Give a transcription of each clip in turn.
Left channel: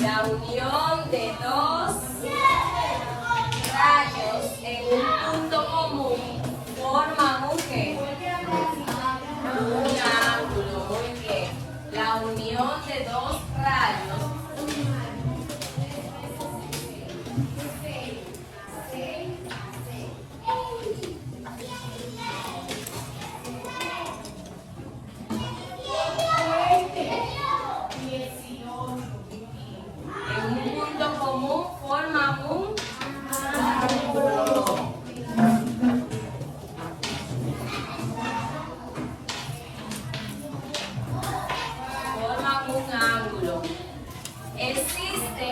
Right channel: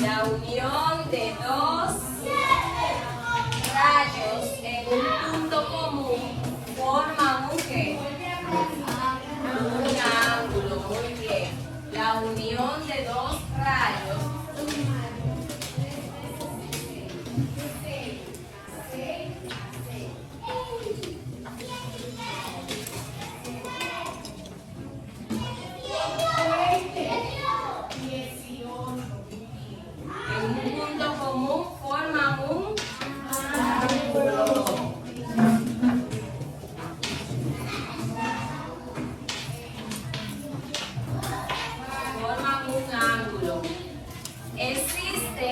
La unión de dos rayos en un punto común forma un ¿qué? Un ángulo. Muy bien. La unión de dos rayos en un punto común forma un ángulo. Forman un ángulo. Existe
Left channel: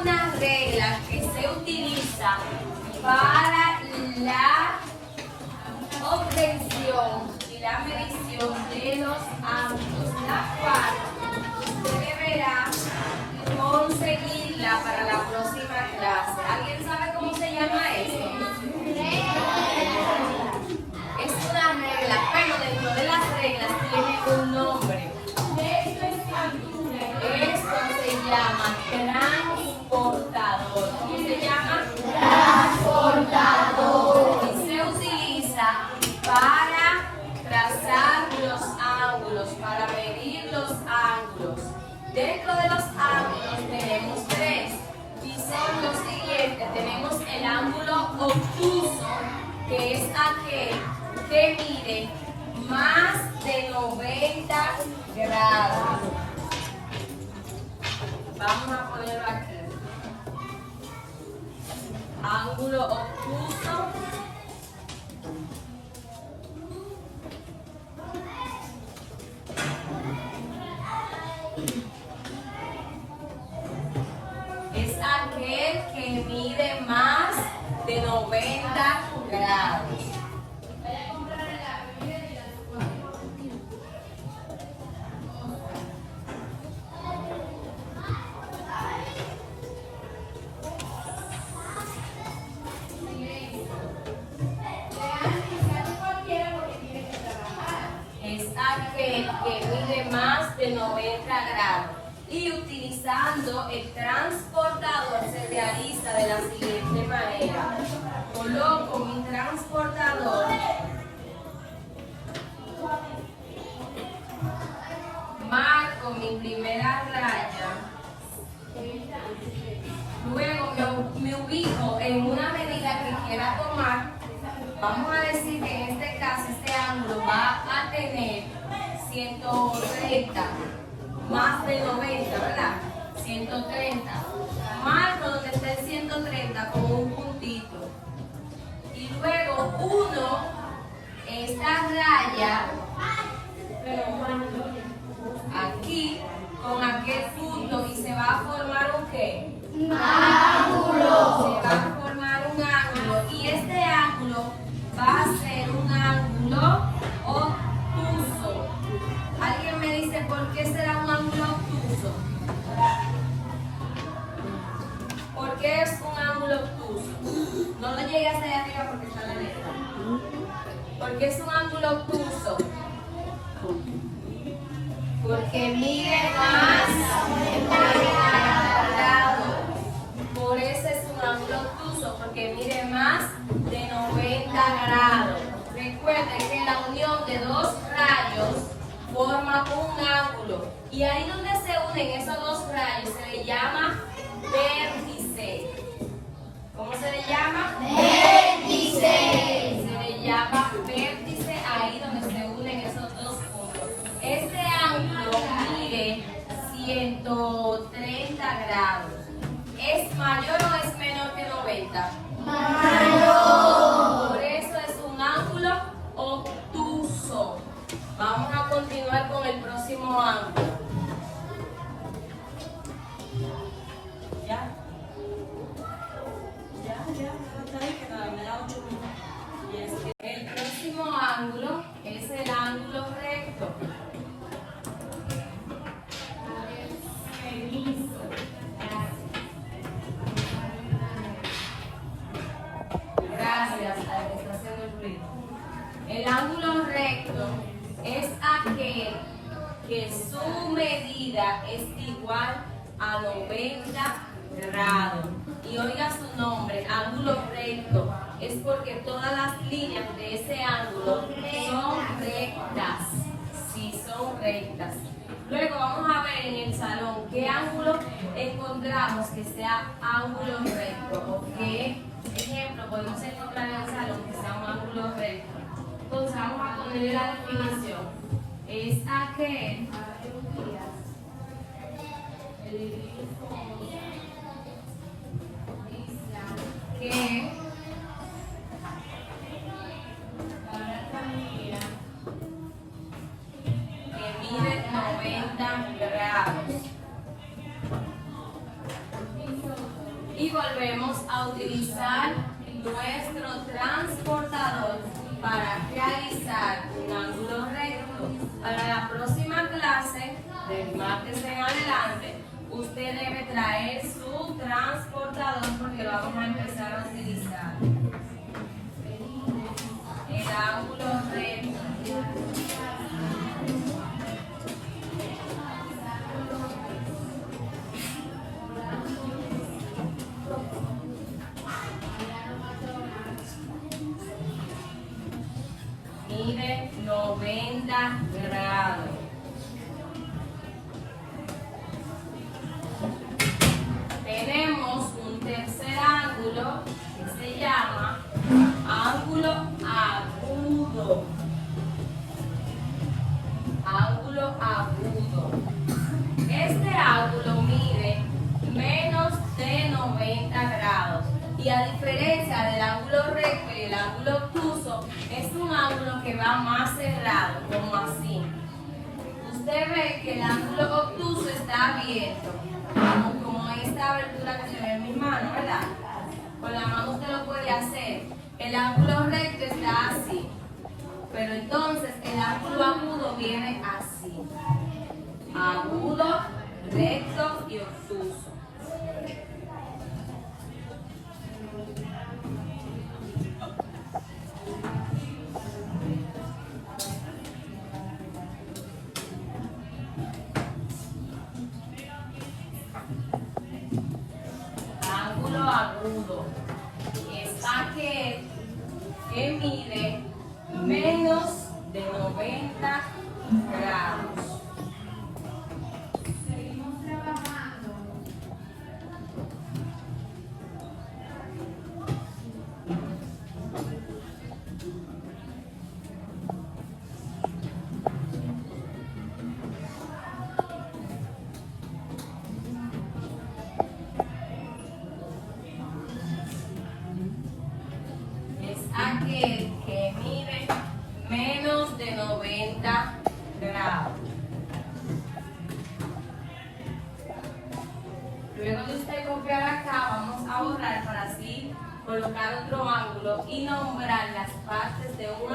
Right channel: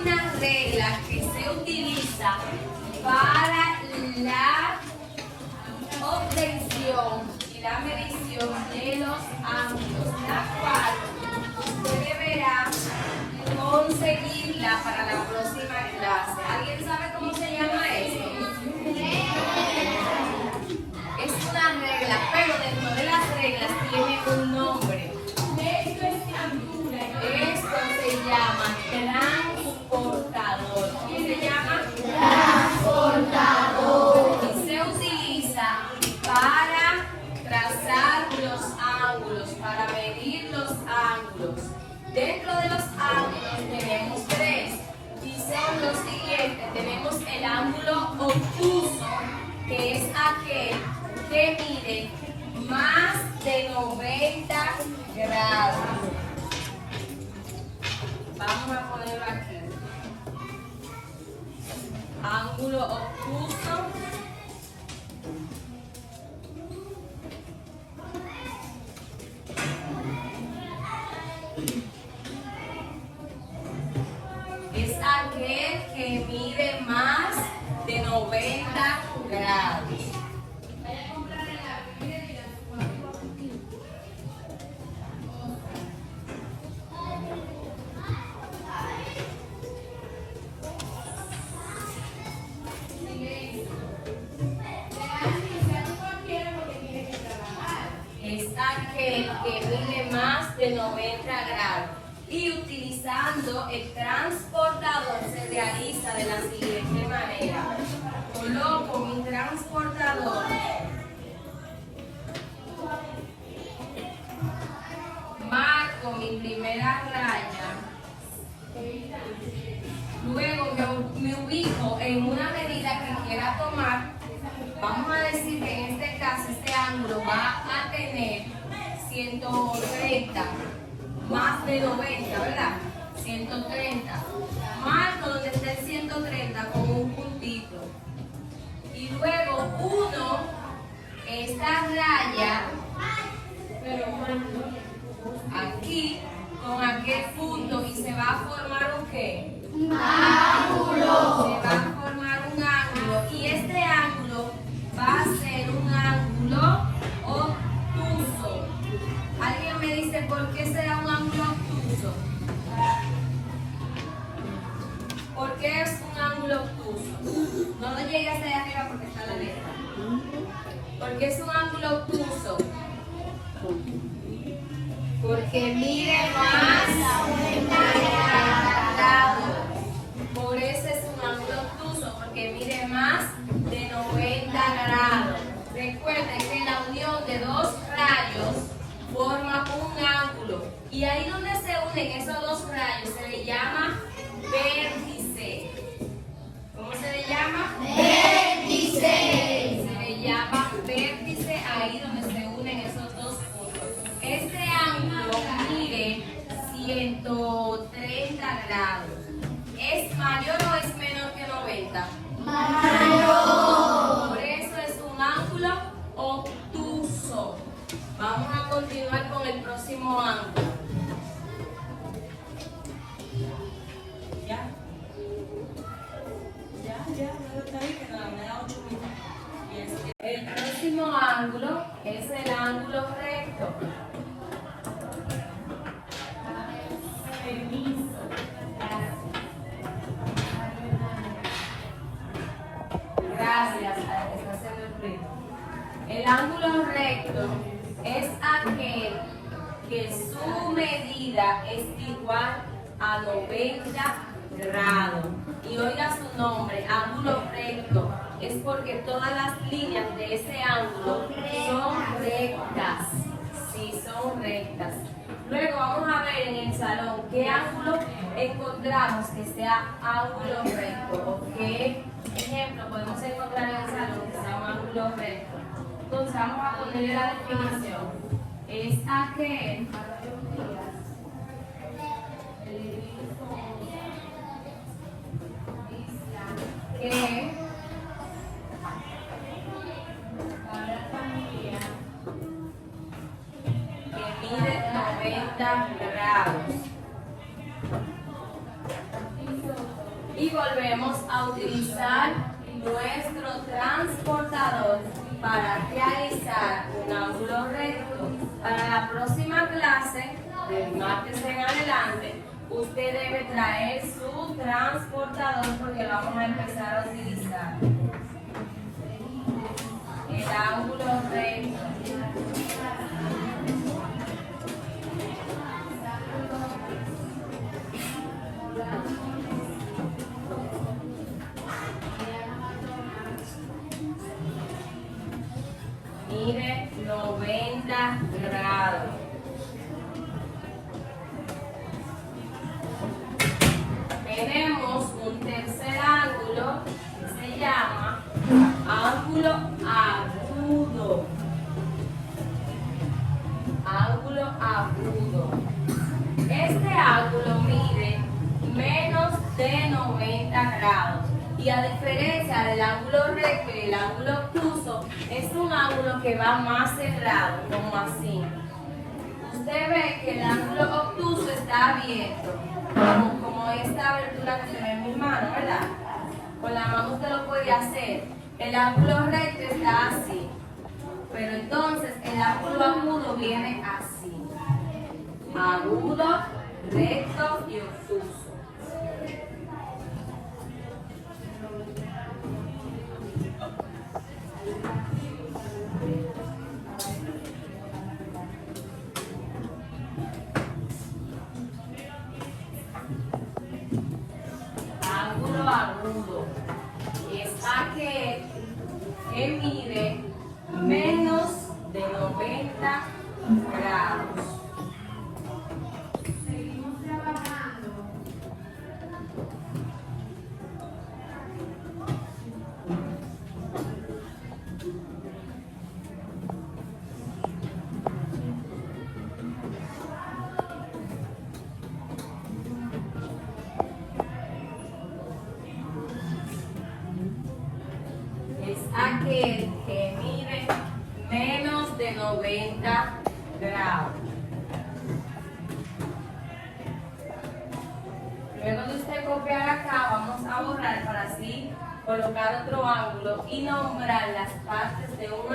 una regla que se utiliza para la obtención y la medición de los ángulos, la cual deberá conseguirla para la próxima clase. ¿Alguien sabe cómo se llama eso? Es una regla, pero dentro de las reglas tiene un nombre. Eso se llama transportador. ¿Qué se llama? Transportador. Y se utiliza para trazar los ángulos, para medir los ángulos. Dentro de los ángulos tenemos tres y son los siguientes. Tenemos el ángulo obtuso, que es aquel que mide más de 90 grados. Vamos a ponerlo aquí. Ángulo obtuso. Es aquel que mide más de 90 grados. Es aquel que mide más de 90 grados. Y utilizando el transportador se realiza de la siguiente manera. Coloco mi transportador marco mi primera raya, luego me ubico en una medida que quiera tomar. Vamos a decir que en este caso este ángulo va a tener 130 más de 90, ¿verdad? 130. Marco donde esté el 130 con un puntito. Y luego uno esta raya aquí con aquel punto y se va a formar un ¿qué? Un ángulo. Se va a formar un ángulo y este ángulo va a ser un ángulo obtuso. ¿Alguien me dice por qué será un ángulo obtuso? ¿Por qué es un ángulo obtuso? No lo llegué hasta allá arriba porque está la letra. ¿Por qué es un ángulo obtuso? Porque mide más de 90 grados. Por eso es un ángulo obtuso, porque mide más de 90 grados. Recuerden que la unión de dos rayos forma un ángulo. Y ahí donde se unen esos dos rayos se le llama vértice. ¿Cómo se le llama? Vértice. Se le llama vértice ahí donde se unen esos dos puntos. Este ángulo mide 130 grados. ¿Es mayor o es menor que 90? Mayor. Por eso es un ángulo obtuso. Vamos a continuar con el próximo ángulo. ¿Ya? El próximo ángulo es el ángulo recto. Gracias a la que está haciendo el ruido. El ángulo recto es aquel que su medida es igual a 90 grados. Y oiga su nombre, ángulo recto. Es porque todas las líneas de ese ángulo son rectas. Sí, son rectas. Luego vamos a ver en el salón qué ángulo encontramos que sea ángulo recto. ¿O qué ejemplo podemos encontrar en el salón que sea un ángulo recto? Entonces vamos a poner la definición. Es aquel que mide 90 grados. Y volvemos a utilizar nuestro transportador para realizar un ángulo recto. Para la próxima clase, del martes en adelante, usted debe traer su transportador porque vamos a empezar a utilizar el ángulo recto. Mide 90 grados. Tenemos un tercer ángulo que se llama ángulo agudo. Ángulo agudo. Este ángulo mide menos de 90 grados. Y a diferencia del ángulo recto y el ángulo obtuso, es un ángulo que va más cerrado, como así. Usted ve que el ángulo obtuso está abierto, como esta abertura que se ve en mi mano, ¿verdad? Con la mano usted lo puede hacer. El ángulo recto está así, pero entonces el ángulo agudo viene así. Agudo, recto y obtuso. Ángulo agudo es aquel que mide menos de 90 grados. Seguimos trabajando. Es aquel que mide menos de 90 grados. Luego de usted copiar acá, vamos a borrar para así colocar otro ángulo y nombrar las partes de un